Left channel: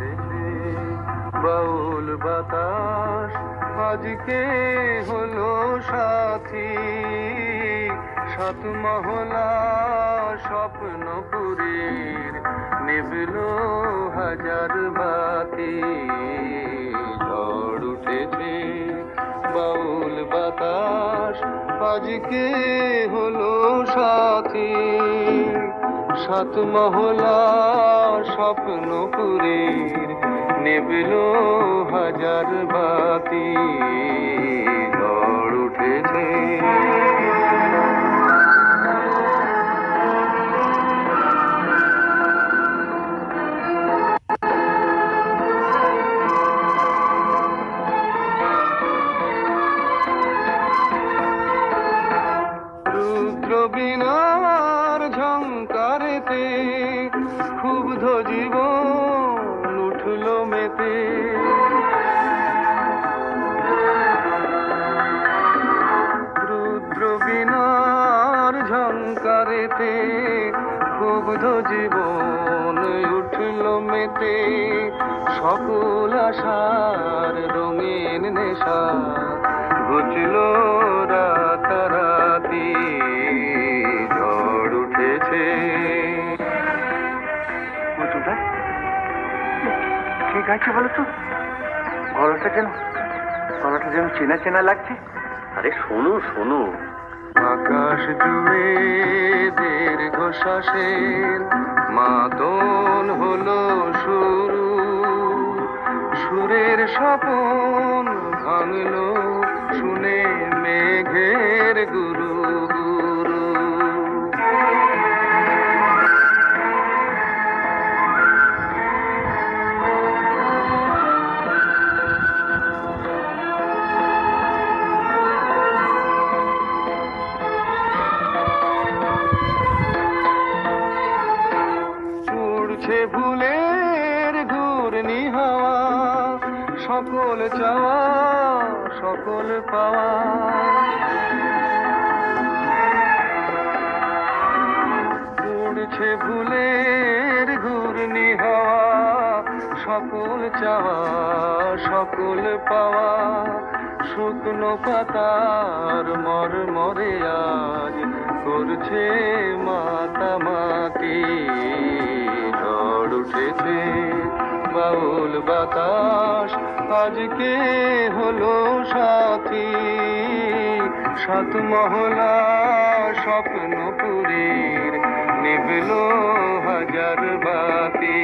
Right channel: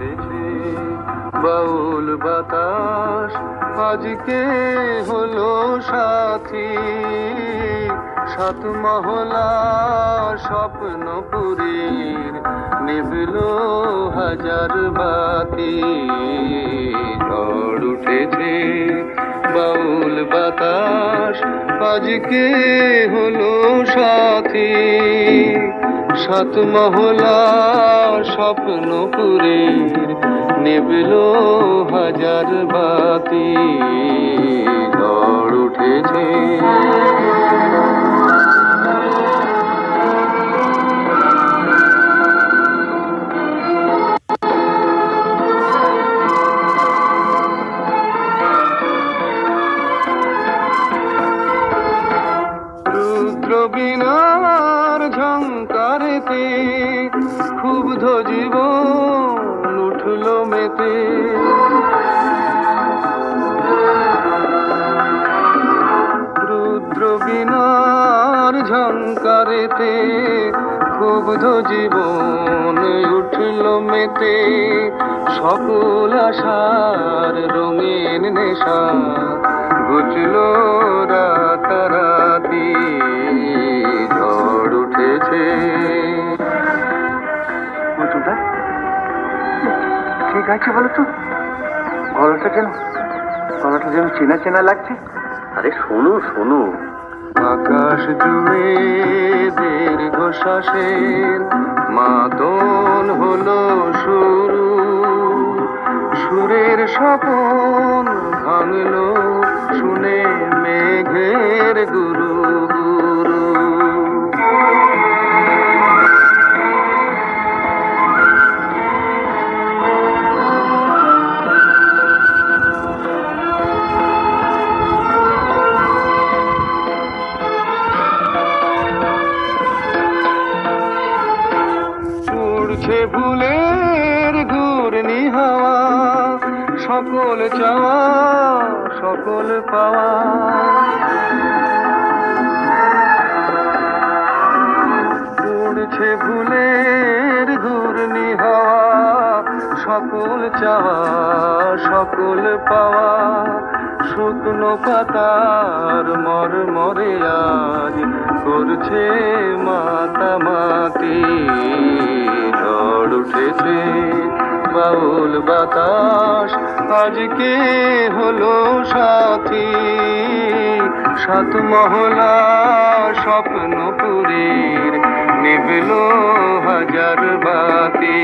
উঠেছে বাউল বাতাস আজকে হলো সাথী, সাত মহলা স্বপ্নপুরীর নিভল হাজার বাতি। ঝড় উঠেছে বাউল বাতাস আজকে হলো সাথী, সাত মহলা স্বপ্নপুরীর নিভল হাজার বাতি। ঝড় উঠেছে রুদ্রবীণার ঝঙ্কারেতে ক্ষুব্ধ জীবন উঠল মেতে। রুদ্রবীণার ঝঙ্কারেতে ক্ষুব্ধ জীবন উঠল মেতে। সকল আশার রঙিন নেশা ঘুচল রাতারাতি। ঝড় উঠেছে ঠিক আছে বলো তো, গলাটা যেন চেনা চেনা লাগছে। আরে শোনো শোনো, আকাশ জুড়ে দীর্ঘশ্বাসের মাদন হলো শুরু। সুরের স্বপন ভাঙলো শুনে মেঘের গুরু গুরু। উড়ছে ভুলের ঘূর্ণি হাওয়া, সকল চাওয়া সকল পাওয়া। উড়ছে ভুলের ঘূর্ণি হাওয়া, সকল চাওয়া সকল পাওয়া। শুকনো পাতার মরমরে আজ করছে মাতামাতি। ঝড় উঠেছে বাউল বাতাস আজকে হলো সাথী, সাত মহলা স্বপ্নপুরীর নিভল হাজার বাতি।